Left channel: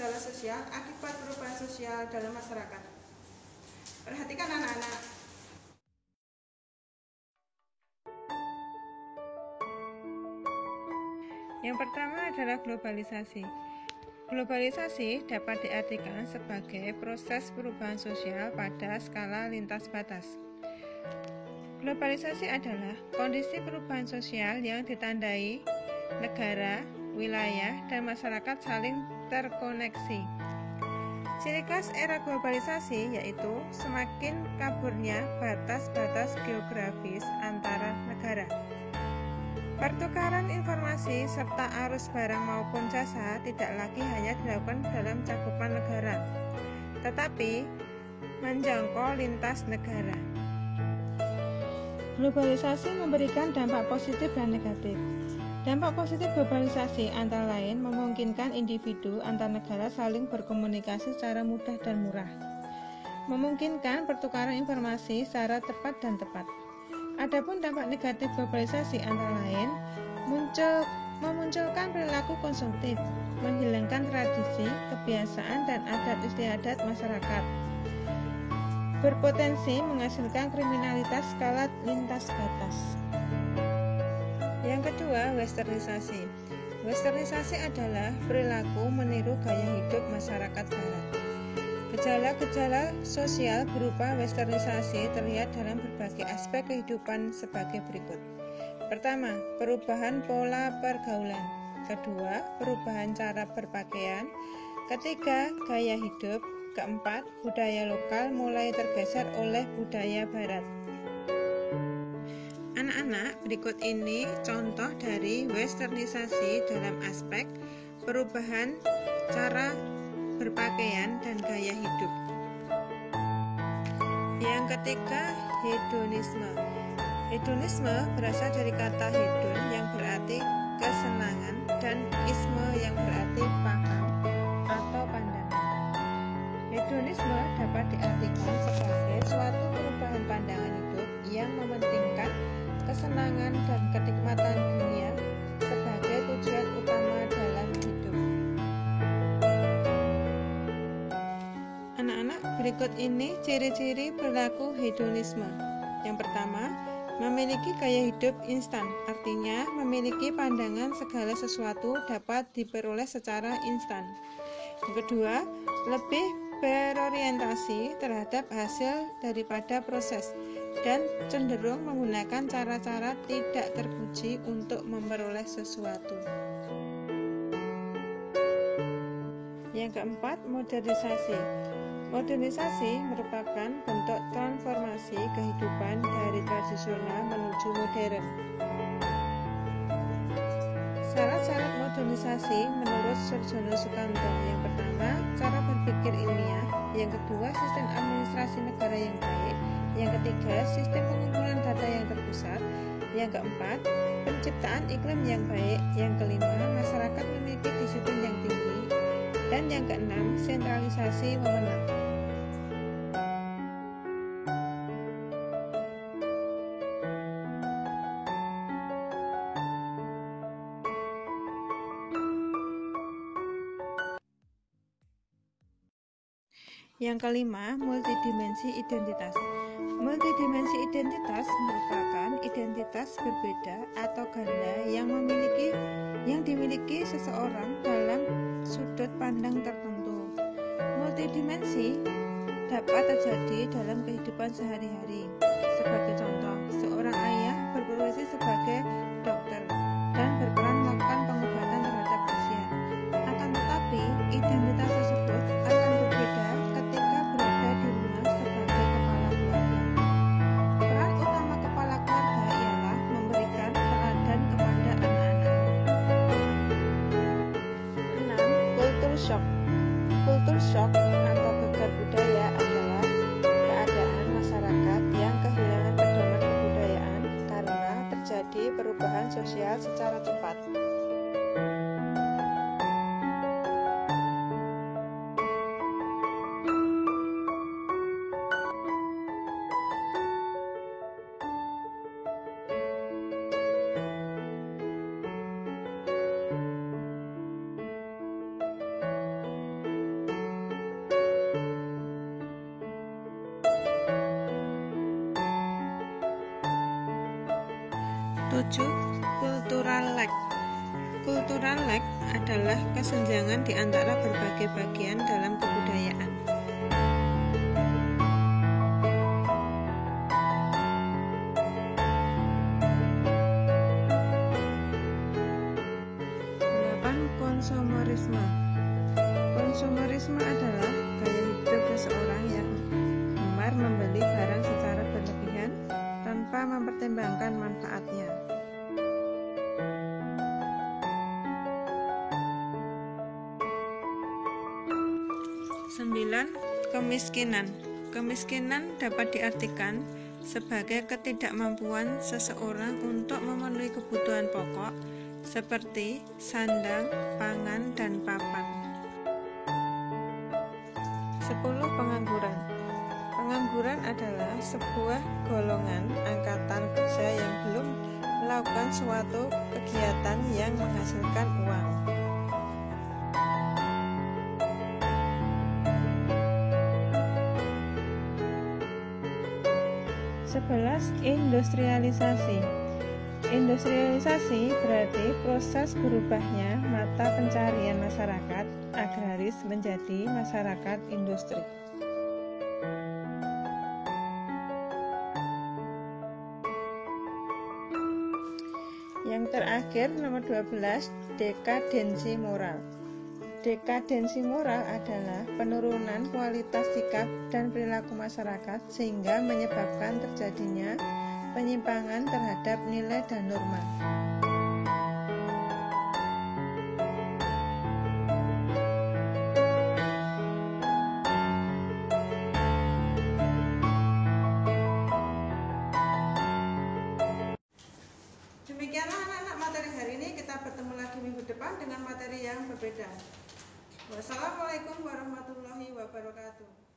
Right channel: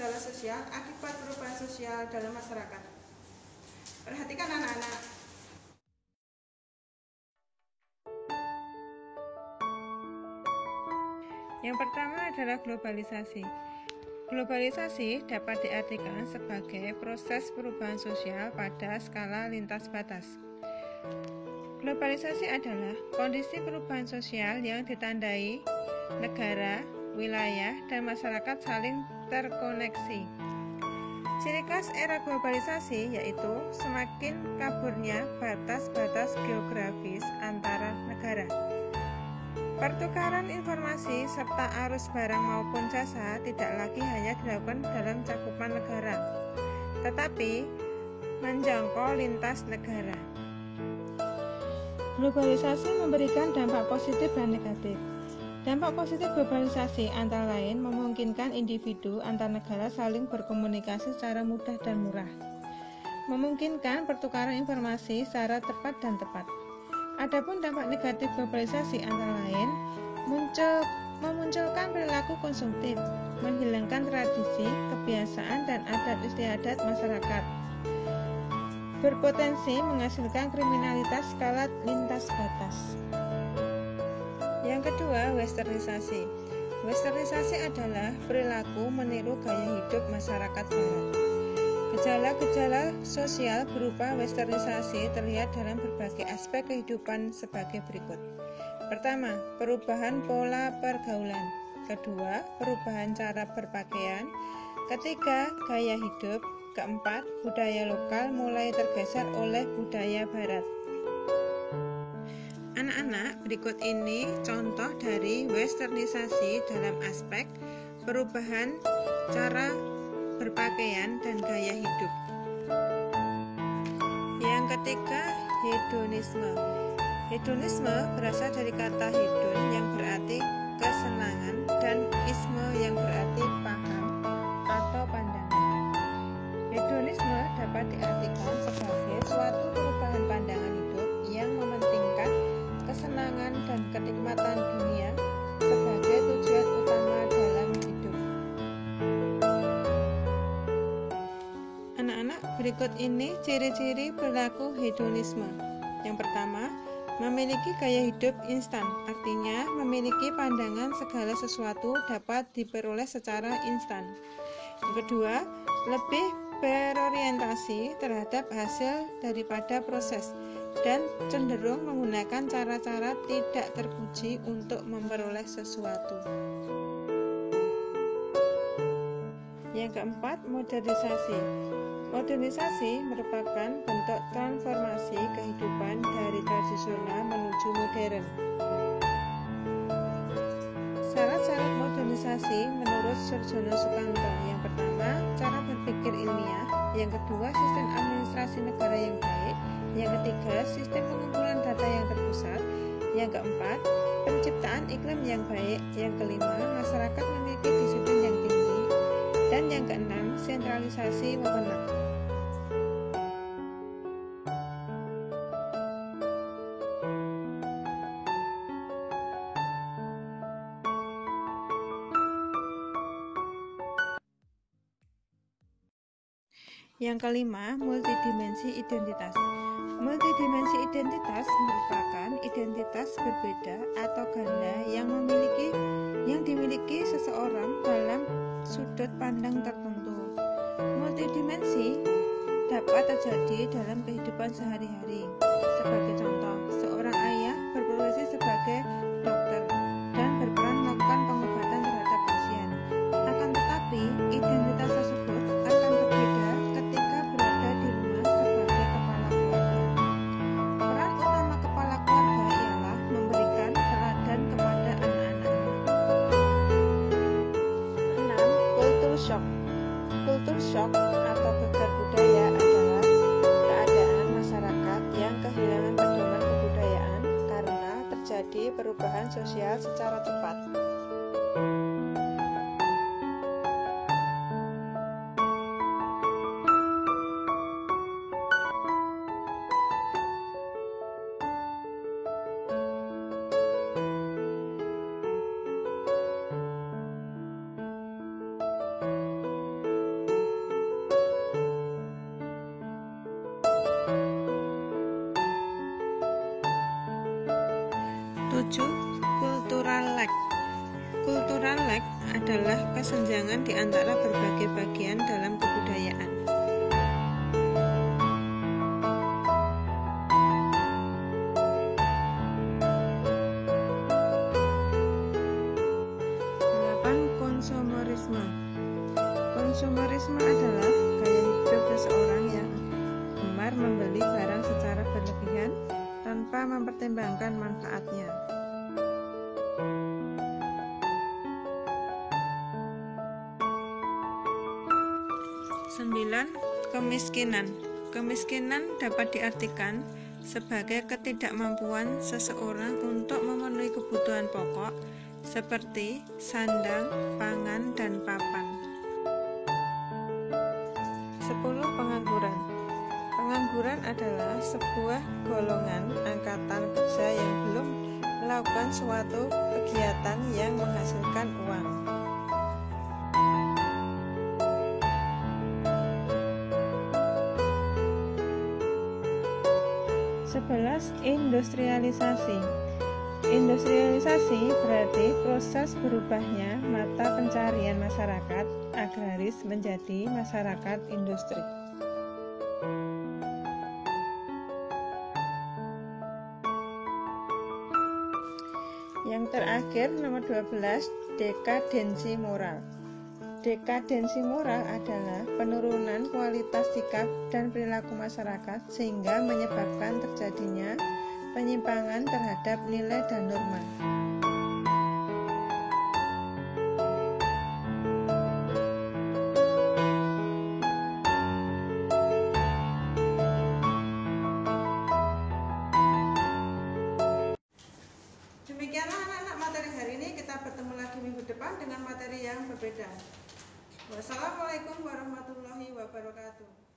gejala sosial akibat perubahan sosial dalam masyarakat. Perhatikan anak-anak. Yang pertama adalah globalisasi. Globalisasi dapat diartikan sebagai proses perubahan sosial pada skala lintas batas. Globalisasi adalah kondisi perubahan sosial yang ditandai negara, wilayah, dan masyarakat saling terkoneksi. Ciri khas era globalisasi yaitu semakin kaburnya batas-batas geografis antara negara. Pertukaran informasi serta arus barang maupun jasa tidak lagi hanya dilakukan dalam cakupan negara, tetapi menjangkau lintas negara. Globalisasi memberikan dampak positif dan negatif. Dampak positif globalisasi antara lain memungkinkan individu antar negara saling berkomunikasi secara mudah dan murah, memungkinkan pertukaran informasi secara tepat dan tepat. Adapun dampak negatif globalisasi antara lain memunculkan perilaku konsumtif, menghilangkan tradisi, kebiasaan, dan adat istiadat masyarakat, berpotensi menghasilkan kriminalitas skala lintas batas. Yang kedua, westernisasi. Westernisasi adalah perilaku meniru gaya hidup masyarakat barat. Gejala-gejala sosial berupa westernisasi terlihat dalam berbagai aspek kehidupan sebagai berikut. Pertama, perubahan pola pergaulan. Kedua, perubahan cara berpakaian. Ketiga, gaya hidup. Keempat, budaya lokal mulai tergeser oleh budaya barat. Anak-anak, berikut ini contoh dari westernisasi dalam aspek perubahan cara berpakaian dan gaya hidup. Yang ketiga, hedonisme. Hedonisme berasal dari kata hedon yang berarti kesenangan dan isme yang berarti paham atau pandangan. Hedonisme dapat diartikan sebagai suatu perubahan pandangan hidup yang mementingkan kesenangan dan kenikmatan dunia sebagai tujuan utama dalam hidup. Anak-anak, berikut ini ciri-ciri perilaku hedonisme. Yang pertama, memiliki gaya hidup instan, artinya memiliki pandangan segala sesuatu dapat diperoleh secara instan. Yang kedua, lebih berorientasi terhadap hasil daripada proses dan cenderung menggunakan cara-cara tidak terpuji untuk memperoleh sesuatu. Yang keempat, modernisasi. Modernisasi merupakan bentuk transformasi kehidupan dari tradisional menuju modern. Syarat-syarat modernisasi menurut Surjono Sukanto. Yang pertama, cara berpikir ilmiah. Yang kedua, sistem administrasi negara yang baik. Yang ketiga, sistem pengumpulan data yang terpusat. Yang keempat, penciptaan iklim yang baik. Yang kelima, masyarakat memiliki disiplin yang tinggi. Dan yang keenam, sentralisasi wewenang. Yang kelima, multidimensi identitas. Multidimensi identitas merupakan identitas berbeda atau ganda yang dimiliki seseorang dalam sudut pandang tertentu. Multidimensi dapat terjadi dalam kehidupan sehari-hari. Sebagai contoh, seorang ayah berprofesi sebagai dokter dan berperan melakukan pengobatan terhadap pasien. Akan tetapi, identitas tersebut akan berbeda ketika berada di rumah sebagai kepala keluarga. Peran utama kepala keluarga ialah memberikan teladan kepada anak-anaknya. 6. Kultur shock. Kultur shock atau gegar budaya adalah keadaan masyarakat yang kehilangan pedoman kebudayaan karena terjadi perubahan sosial secara cepat. 7. Cultural lag. Cultural lag adalah kesenjangan di antara berbagai bagian dalam kebudayaan. Konsumerisme. Konsumerisme adalah gaya hidup seseorang yang gemar membeli barang secara berlebihan tanpa mempertimbangkan manfaatnya. 9. Kemiskinan. Kemiskinan dapat diartikan sebagai ketidakmampuan seseorang untuk memenuhi kebutuhan pokok seperti sandang, pangan, dan papan. 10. Pengangguran. Pengangguran adalah sebuah golongan angkatan kerja yang belum melakukan suatu kegiatan yang menghasilkan uang. 11. Industrialisasi. Industrialisasi berarti proses berubahnya mata pencarian masyarakat agraris menjadi masyarakat industri. Yang terakhir, nomor 12, dekadensi moral. Dekadensi moral adalah penurunan kualitas sikap dan perilaku masyarakat sehingga menyebabkan terjadinya penyimpangan terhadap nilai dan norma. Demikianlah anak-anak materi hari ini. Kita bertemu lagi minggu depan dengan materi yang berbeda. Wassalamualaikum warahmatullahi wabarakatuh.